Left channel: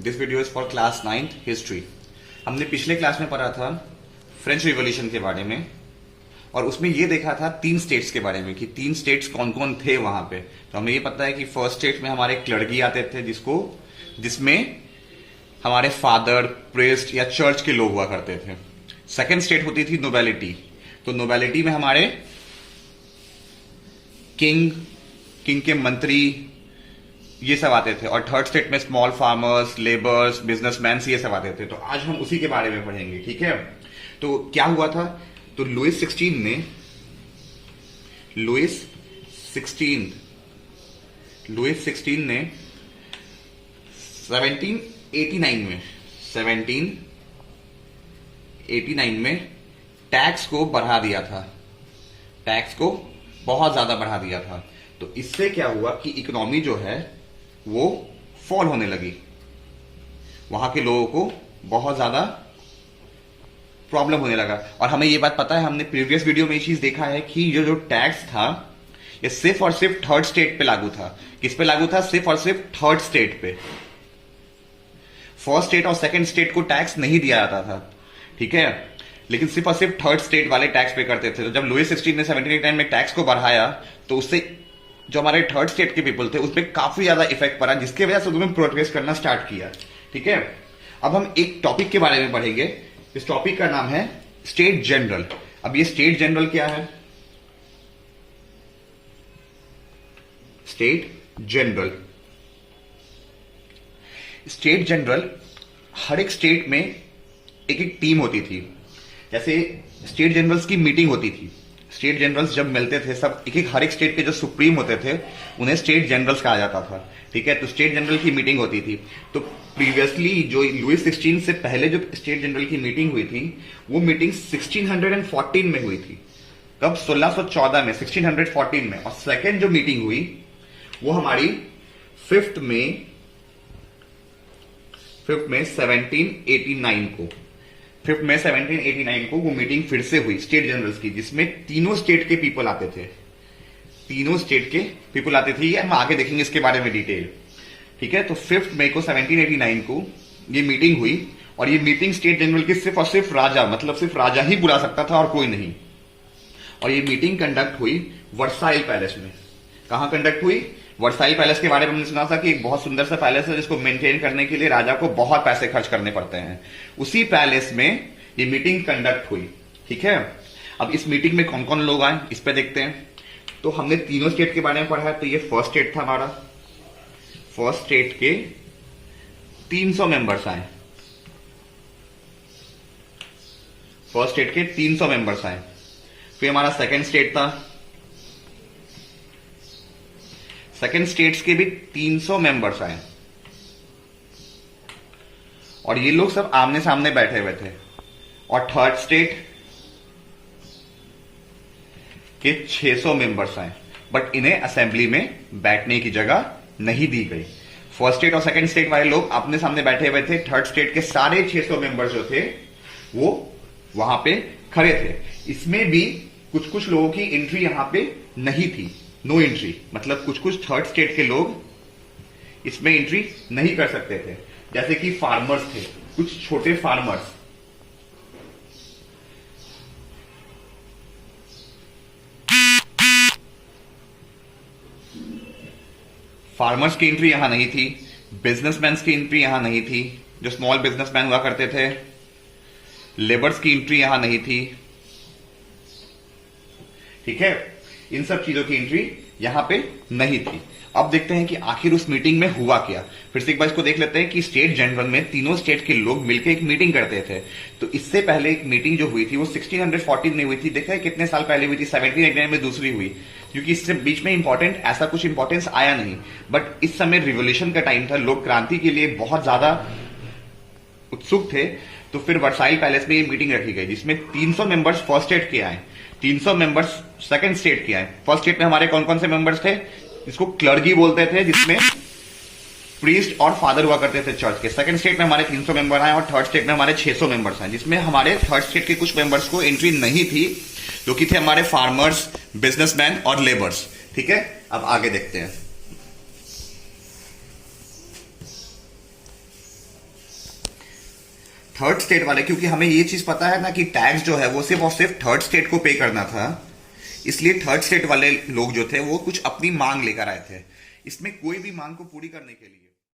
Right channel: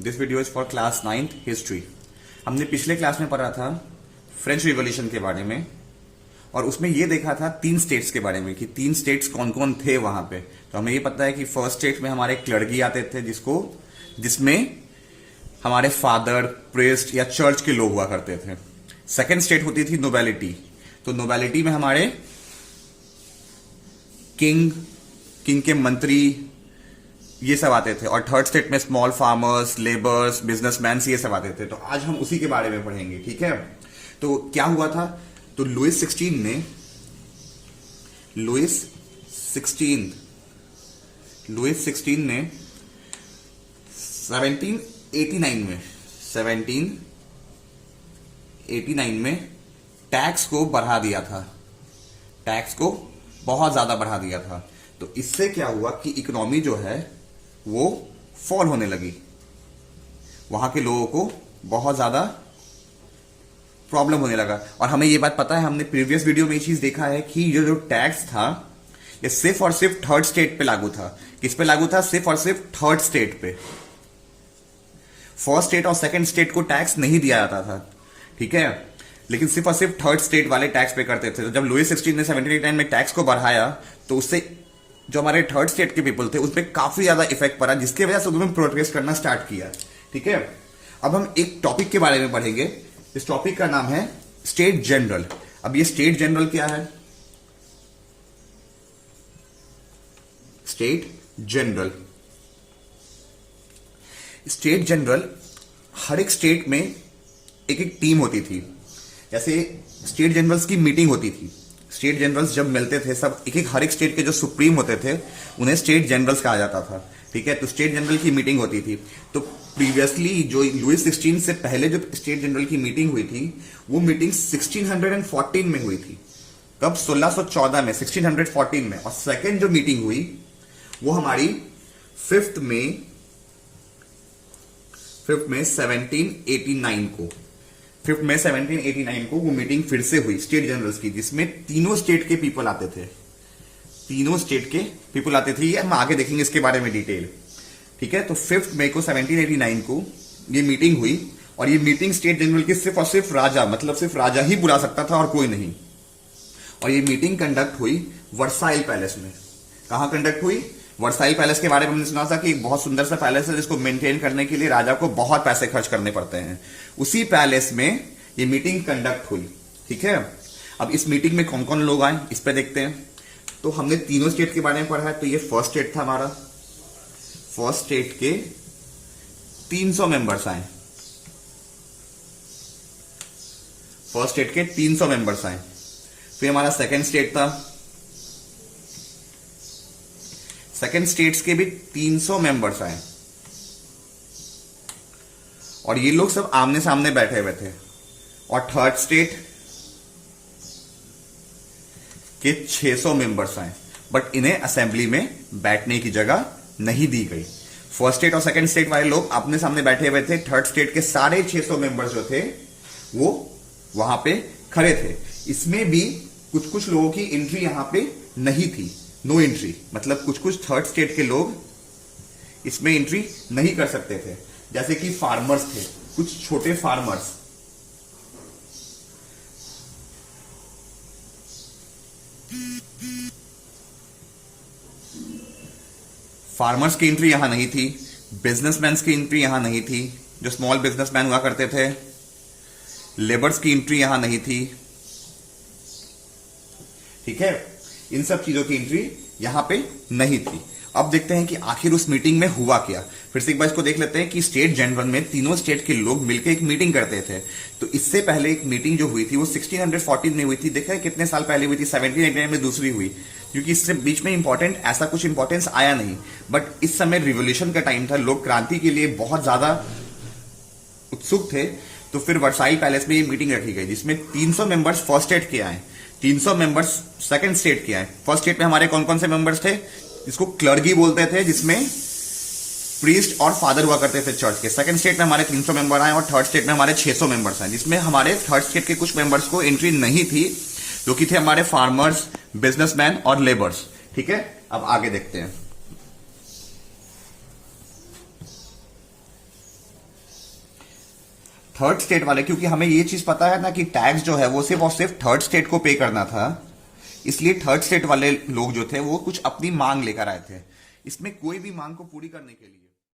This video is for class 9th history. हमने पिछले class में पढ़ा था फ्रेंच रिवॉल्यूशन के बारे में और उसमें यह देखा था 3 स्टेट्स के बारे में कि 3 स्टेट्स कौन कौन थे वहां पे। तो हमें ये पता है कि फर्स्ट स्टेट में हमारे क्लर्गी आते थे जिसमें हमारे फादर, प्रीस्ट या चर्च के लोग हुआ करते थे। सेकेंड स्टेट होती थी नोबेलिटी। तो नोबेलिटी में हमारे किंग के मंत्री ये सब आते थे और थर्ड स्टेट में स्मॉल फार्मर्स, लेबर्स, बिजनेसमैन ये सब आते थे। तो आज हम उसी के बारे में पढ़ेंगे, ठीक है। तो क्या हुआ था, तो लुइस 16 ने 1789 में टैक्स को बढ़ा दिया था, टैक्स को बहुत ज्यादा बढ़ा दिया था। तो इससे क्या हुआ कि इकोनॉमी जो है वो फॉल होने लगी, वहां के लोगों को बहुत ज्यादा प्रॉब्लम होने लगा। और हमें ये बात पता है, हमने प्रीवियस वीडियो में ये चीज देखा है कि ये जो टैक्स था ये सिर्फ और सिर्फ थर्ड स्टेट पे लागू था। किस पे लागू था? सिर्फ और सिर्फ थर्ड स्टेट पे। फर्स्ट स्टेट और सेकंड स्टेट को टैक्स नहीं दिया जाता था, ठीक है, लेकिन सिर्फ और सिर्फ थर्ड स्टेट वाले टैक्स पे करते थे। तो जब लुइस 16 ने 1789 में टैक्स को बढ़ाया तो उससे जो हमारे थर्ड स्टेट के पीपल थे उस पर काफी ज्यादा इफेक्ट पड़ा, जिसकी वजह से उन्होंने प्रोटेस्ट करना स्टार्ट किया, ठीक है। अब हम एक टॉपिक के बारे में पढ़ेंगे। इस टॉपिक का नाम है स्टेट जनरल। अब ये स्टेट जनरल क्या है? स्टेट जनरल हर एक स्टेट में एक एक टीम होती थी। जैसे स्टेट जनरल्स की मीटिंग होती थी, स्टेट जनरल्स जब मिलते थे सब हर एक स्टेट के जो सुप्रीम होते थे उन्हें स्टेट जनरल्स कहा जाता था, ठीक है। तो स्टेट जनरल की मीटिंग होती थी। तो प्रीवियसली जो लुइस 16 से पहले जो स्टेट जनरल की मीटिंग हुई थी वो मीटिंग 1614 में हुई थी। कब? 1614 में, 1614 में। और सेकेंड जो मीटिंग हुई वो हमारी 5th में 1789 को 5 मई 1789 को वो मीटिंग फिर से हुई स्टेट जनरल्स की, जिसमें तीनों स्टेट के पीपल आते थे। ये हम आगे देखेंगे इसके बारे में डिटेल, ठीक है। तो 5 मई को 1789 को ये मीटिंग हुई और ये मीटिंग स्टेट जनरल की सिर्फ और सिर्फ राजा, मतलब सिर्फ राजा ही बुला सकता था और कोई नहीं। और ये मीटिंग कंडक्ट हुई वर्साइल पैलेस में। कहां कंडक्ट हुई? वर्साइल पैलेस के बारे में हमने सुना था कि एक बहुत सुंदर सा पैलेस है जिसको मेंटेन करने के लिए राजा को बहुत पैसे खर्च करने पड़ते हैं। उसी पैलेस में ये मीटिंग कंडक्ट हुई, ठीक है। अब इस मीटिंग में कौन कौन लोग आए इस पे देखते हैं। तो हमने तीनों स्टेट के बारे में पढ़ा है। तो ये फर्स्ट स्टेट था हमारा। फर्स्ट स्टेट के 300 मेंबर्स आए। फर्स्ट स्टेट के 300 मेंबर्स आए। फिर हमारा सेकंड स्टेट था। सेकंड स्टेट्स के भी 300 मेंबर्स आए और ये लोग सब आमने सामने बैठे हुए थे। और थर्ड स्टेट के 600 मेंबर्स आए, बट इन्हें असेंबली में बैठने की जगह नहीं दी गई। फर्स्ट स्टेट और सेकंड स्टेट वाले लोग अपने सामने बैठे हुए थे। थर्ड स्टेट के सारे 600 मेंबर्स जो थे वो वहां पे खड़े थे। इसमें भी कुछ लोगों की एंट्री यहां पे नहीं थी, नो एंट्री, मतलब कुछ थर्ड स्टेट के लोग इसमें एंट्री नहीं कर सकते थे। जैसे कि फार्मर्स थे, कुछ छोटे फार्मर्स की एंट्री यहां नहीं थी। बिजनेसमैन की एंट्री यहां नहीं थी, जो स्मॉल बिजनेसमैन हुआ करते थे। लेबर्स की एंट्री यहां नहीं थी, ठीक है। इन सब चीजों की एंट्री यहां पे नहीं थी। अब देखते हैं कि आखिर उस मीटिंग में हुआ क्या। फिर से एक बार इसको देख लेते हैं कि स्टेट जनरल में तीनों स्टेट के लोग मिलकर एक मीटिंग करते थे। तो इससे पहले एक मीटिंग जो हुई थी वो 1614 में हुई थी। देखा है कितने साल पहले हुई थी? 1789 में दूसरी हुई, क्योंकि इससे बीच में ऐसा कुछ इंपॉर्टेंस आया नहीं। बट इस समय रिवोल्यूशन का टाइम था, लोग क्रांति के लिए बहुत ज्यादा उत्सुक थे। तो फिर वर्साइल पैलेस में ये मीटिंग रखी गई जिसमें 300 मेंबर्स फर्स्ट स्टेट के आए, 300 मेंबर्स सेकंड स्टेट के आए। फर्स्ट स्टेट में हमारे कौन कौन से मेंबर्स थे? इसको क्लर्गी बोलते थे, जिसमें प्रीस्ट और फादर हुआ करते थे चर्च के। सेकंड स्टेट में हमारे 300 मेंबर आए और थर्ड स्टेट में हमारे 600 मेंबर्स हैं, जिसमें हमारे थर्ड स्टेट के कुछ मेंबर्स को एंट्री नहीं थी, जो कि थे हमारे फार्मर्स, बिजनेसमैन और लेबर्स, ठीक है। अब आगे देखते हैं। थर्ड स्टेट वाले, क्योंकि हमें ये चीज पता है ना कि टैक्स जो है वो सिर्फ और सिर्फ थर्ड स्टेट को पे करना था, इसलिए थर्ड स्टेट वाले लोग जो थे वो कुछ अपनी मांग लेकर आए थे, इसमें कोई भी मांग को पूरी करने के लिए